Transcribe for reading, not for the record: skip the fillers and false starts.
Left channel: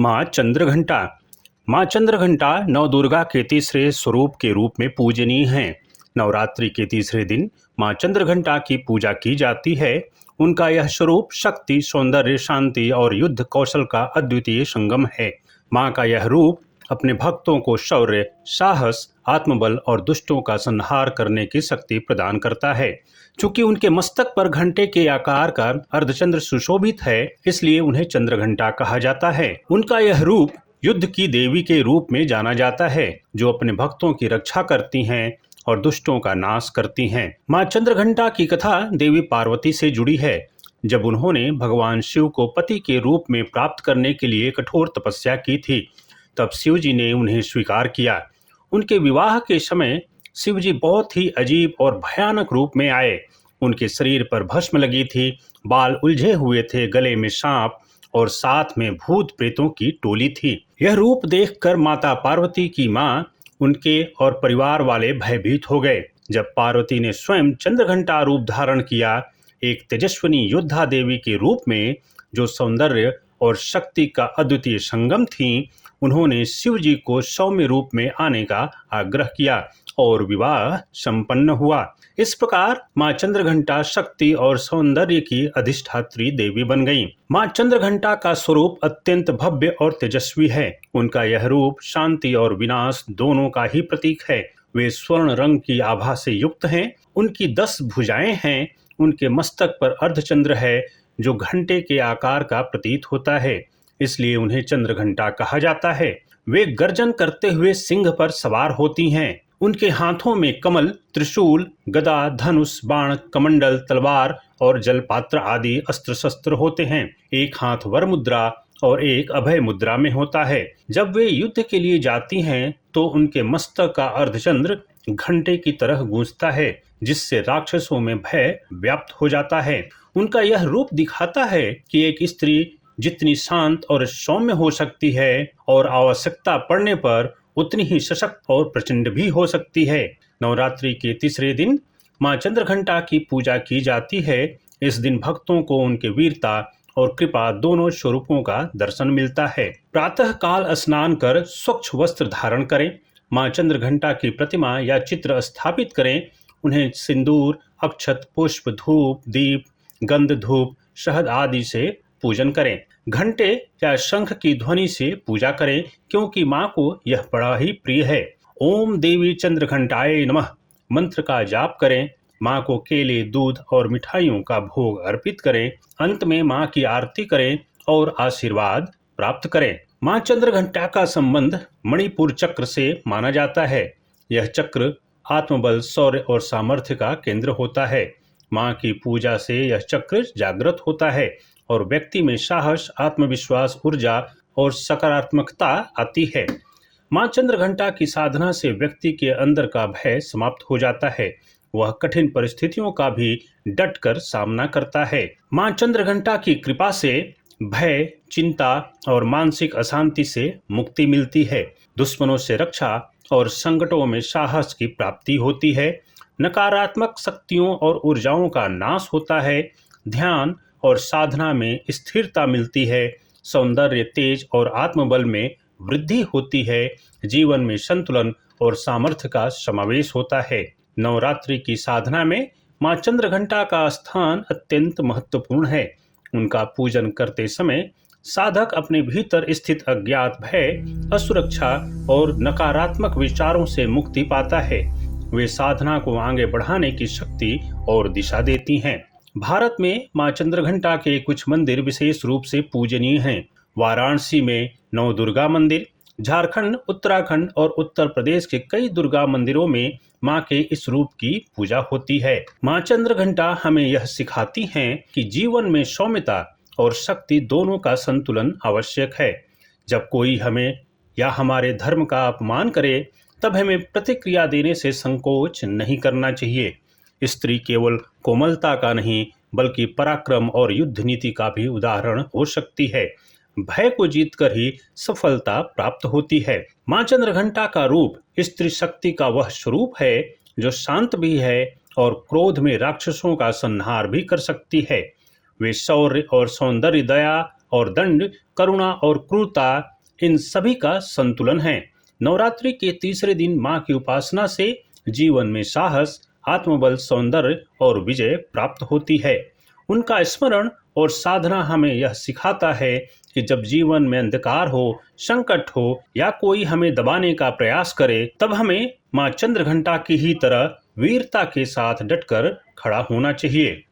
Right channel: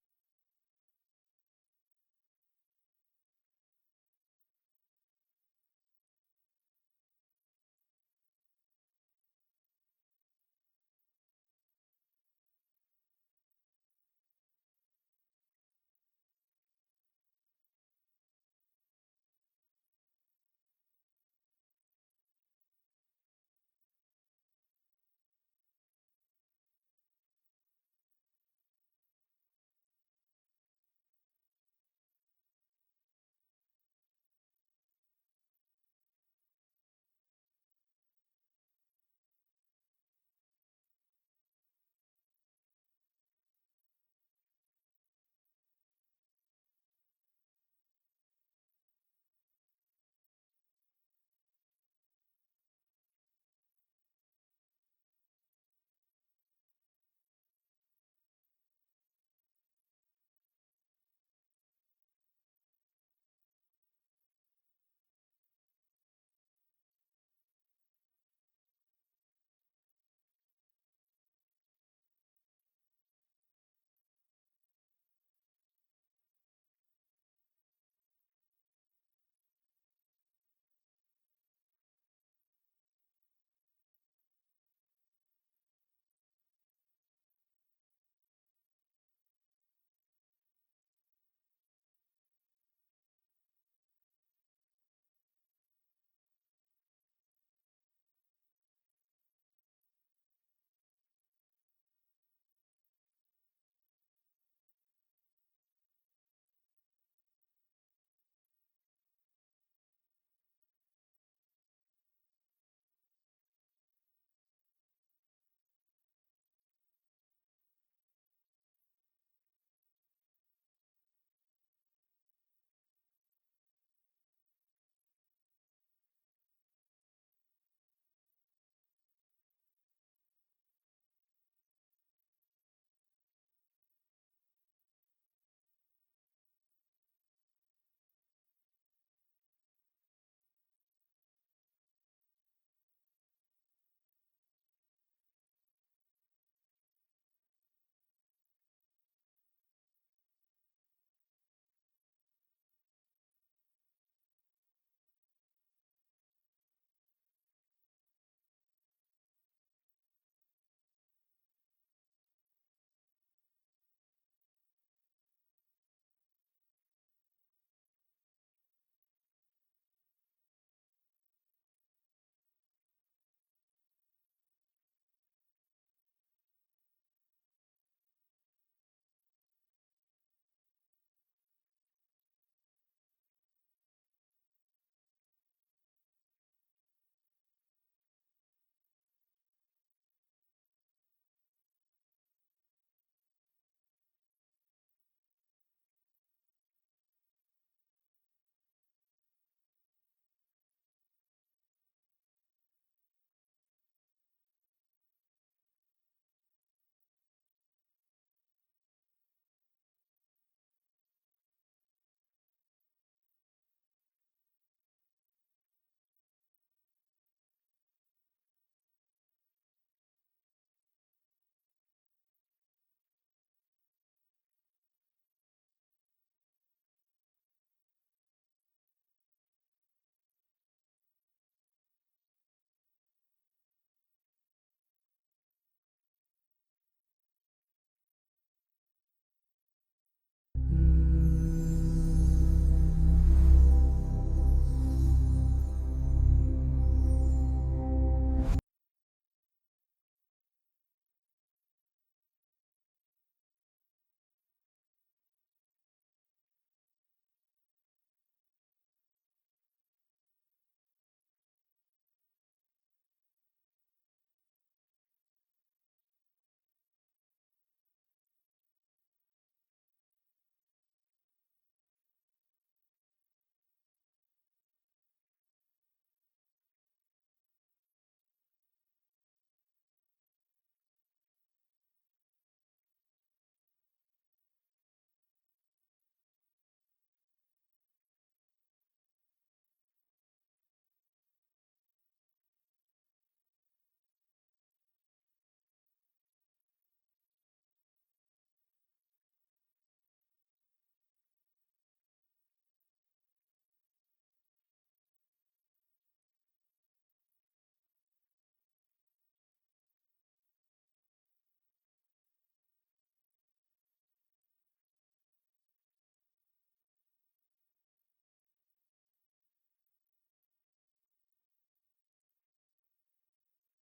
माँ चंद्रघंटा। माँ चंद्रघंटा नवदुर्गा के तीसरे स्वरूप के रूप में पूजनीय हैं। नवरात्रि के तीसरे दिन माँ चंद्रघंटा की पूजा की जाती है। उनका यह स्वरूप शक्ति, सौंदर्य, शांति और युद्ध कौशल का अद्वितीय संगम है। माँ का यह रूप अपने भक्तों को शौर्य, साहस, आत्मबल और दुष्टों का संहार करने की शक्ति प्रदान करता है। चूंकि उनके मस्तक पर घंटे के आकार का अर्धचंद्र सुशोभित है, इसलिए उन्हें चंद्रघंटा कहा जाता है। उनका यह रूप युद्ध की देवी के रूप में जाना जाता है, जो अपने भक्तों की रक्षा करती हैं और दुष्टों का नाश करती हैं। माँ चंद्रघंटा की कथा देवी पार्वती से जुड़ी है। जब उन्होंने भगवान शिव को पति के रूप में प्राप्त करने के लिए कठोर तपस्या की थी, तब शिव जी ने उन्हें स्वीकार किया। उनके विवाह के समय शिव जी बहुत ही अजीब और भयानक रूप में आए। उनके शरीर पर भस्म लगी थी, बाल उलझे हुए थे, गले में सांप और साथ में भूत प्रेतों की टोली थी। यह रूप देखकर माता पार्वती की मां, उनके और परिवार वाले भयभीत हो गए। जब पार्वती ने स्वयं चंद्रघंटा रूप धारण किया, एक तेजस्विनी योद्धा देवी के रूप में, जो सौंदर्य और शक्ति का अद्वितीय संगम थी, उन्होंने शिव जी को सौम्य रूप में आने का आग्रह किया और विवाह संपन्न हुआ। इस प्रकार माँ चंद्रघंटा शक्ति और सौंदर्य की अधिष्ठात्री देवी बन गईं। माँ चंद्रघंटा का स्वरूप अत्यंत भव्य और तेजस्वी है। उनका यह रूप शांति और विनाश दोनों का ही प्रतीक है। वे स्वर्ण रंग की आभा से युक्त हैं। उनकी 10 भुजाएं हैं। उनके मस्तक पर अर्धचंद्र है, जो घंटे के आकार का प्रतीत होता है, इसलिए उन्हें चंद्रघंटा कहा जाता है। वे गर्जन करते हुए सिंह पर सवार होती हैं। उनके हाथों में कमल, त्रिशूल, गदा, धनुष, बाण, कमंडल, तलवार और जलपात्र आदि अस्त्र शस्त्र होते हैं। एक हाथ वर मुद्रा और एक अभय मुद्रा में होता है। जब वे युद्ध के लिए जाती हैं, तो उनके मस्तक का अर्धचंद्र घंटे की तरह गूंजता है, जिससे राक्षसों में भय व्याप्त हो जाता है। उनका यह रूप दिखाता है कि एक स्त्री जितनी शांत और सौम्य हो सकती है और आवश्यकता पड़ने पर उतनी ही सशक्त और प्रचंड भी हो सकती है। नवरात्रि के तीसरे दिन माँ चंद्रघंटा की पूजा की जाती है। इस दिन भक्तों को उनके वीरता और कृपा दोनों स्वरूपों का दर्शन मिलता है। प्रातः काल स्नान कर स्वच्छ वस्त्र धारण करें। माँ चंद्रघंटा की प्रतिमा या चित्र स्थापित करें। उन्हें सिंदूर, अक्षत, पुष्प, धूप, दीप, गंध, धूप, शहद आदि से पूजन करें। घंटे या शंख की ध्वनि से पूजा करें, क्योंकि माँ को यह बड़ा ही प्रिय है। ओम देवी चंद्रघंटाय नमः मंत्र का जाप करें। माँ को केले, दूध और मिठाइयों का भोग अर्पित करें। अंत में माँ की आरती करें और आशीर्वाद प्राप्त करें। माँ चंद्रघंटा का संबंध मणिपुर चक्र से माना जाता है। यह चक्र आत्मबल, शौर्य और सामर्थ्य का केंद्र होता है। माँ की पूजा से यह चक्र जागृत होता है और व्यक्ति में साहस, आत्मविश्वास, ऊर्जा और सकारात्मकता आती है। माँ चंद्रघंटा की साधना से व्यक्ति के अंदर का भय समाप्त हो जाता है। वह कठिन परिस्थितियों का भी डटकर सामना करता है। माँ चंद्रघंटा की कृपा से भय, चिंता और मानसिक अशांति से मुक्ति मिलती है। दुश्मनों से रक्षा और संकटों में साहस की प्राप्ति होती है। नकारात्मक शक्तियों और ऊर्जाओं का नाश होता है। ध्यान और साधना में स्थिरता मिलती है। सौंदर्य, तेज और आत्मबल में वृद्धि होती है। जीवन में संतुलन और सामर्थ्य का समावेश होता है। नवरात्रि की साधना में माँ चंद्रघंटा का स्थान अत्यंत महत्वपूर्ण है। उनका पूजन करते समय साधक अपने भीतर स्थित अज्ञात भय, असुरक्षा और नकारात्मक विचारों से मुक्ति पाता है। वे साधना को आगे बढ़ाने की शक्ति और दिशा देती हैं। भारत में माँ चंद्रघंटा के कुछ मंदिर विशेष रूप से पूजनीय हैं। वाराणसी में नौ दुर्गा मंदिर, झारखंड, उत्तराखंड और उत्तर प्रदेश के कई दुर्गा मंदिरों में माँ के इस रूप की पूजा होती है। माँ चंद्रघंटा हमें यह सिखाती हैं कि जीवन में सौम्यता और शक्ति दोनों का संतुलन आवश्यक है। जब कोई हमें या हमारे धर्म का अपमान करे, तब हमें प्रतिक्रिया देने से संकोच नहीं करना चाहिए। स्त्री केवल कोमलता का नहीं, बल्कि पराक्रम और युद्ध नीति का भी उदाहरण हो सकती है। भय को जीतकर ही सफलता प्राप्त होती है। माँ चंद्रघंटा का रूप स्त्री शक्ति का वह स्वरूप है जो शांत भी है और क्रोध में राक्षसों का संहार भी कर सकती है। वे शौर्य और सौंदर्य, दया और दंड, करुणा और क्रूरता, इन सभी का संतुलन है। नवरात्रि के तीसरे दिन माँ की उपासना से जीवन में साहस, आत्मबल, सौंदर्य और विजय प्राप्त होती है। उनका स्मरण और साधना हमें यह सिखाता है कि जब जीवन में अंधकार हो, संकट हो या कोई हमें दबाने का प्रयास करे, तब हमें माँ चंद्रघंटा की ही तरह वीरता के साथ डटकर खड़ा होना चाहिए।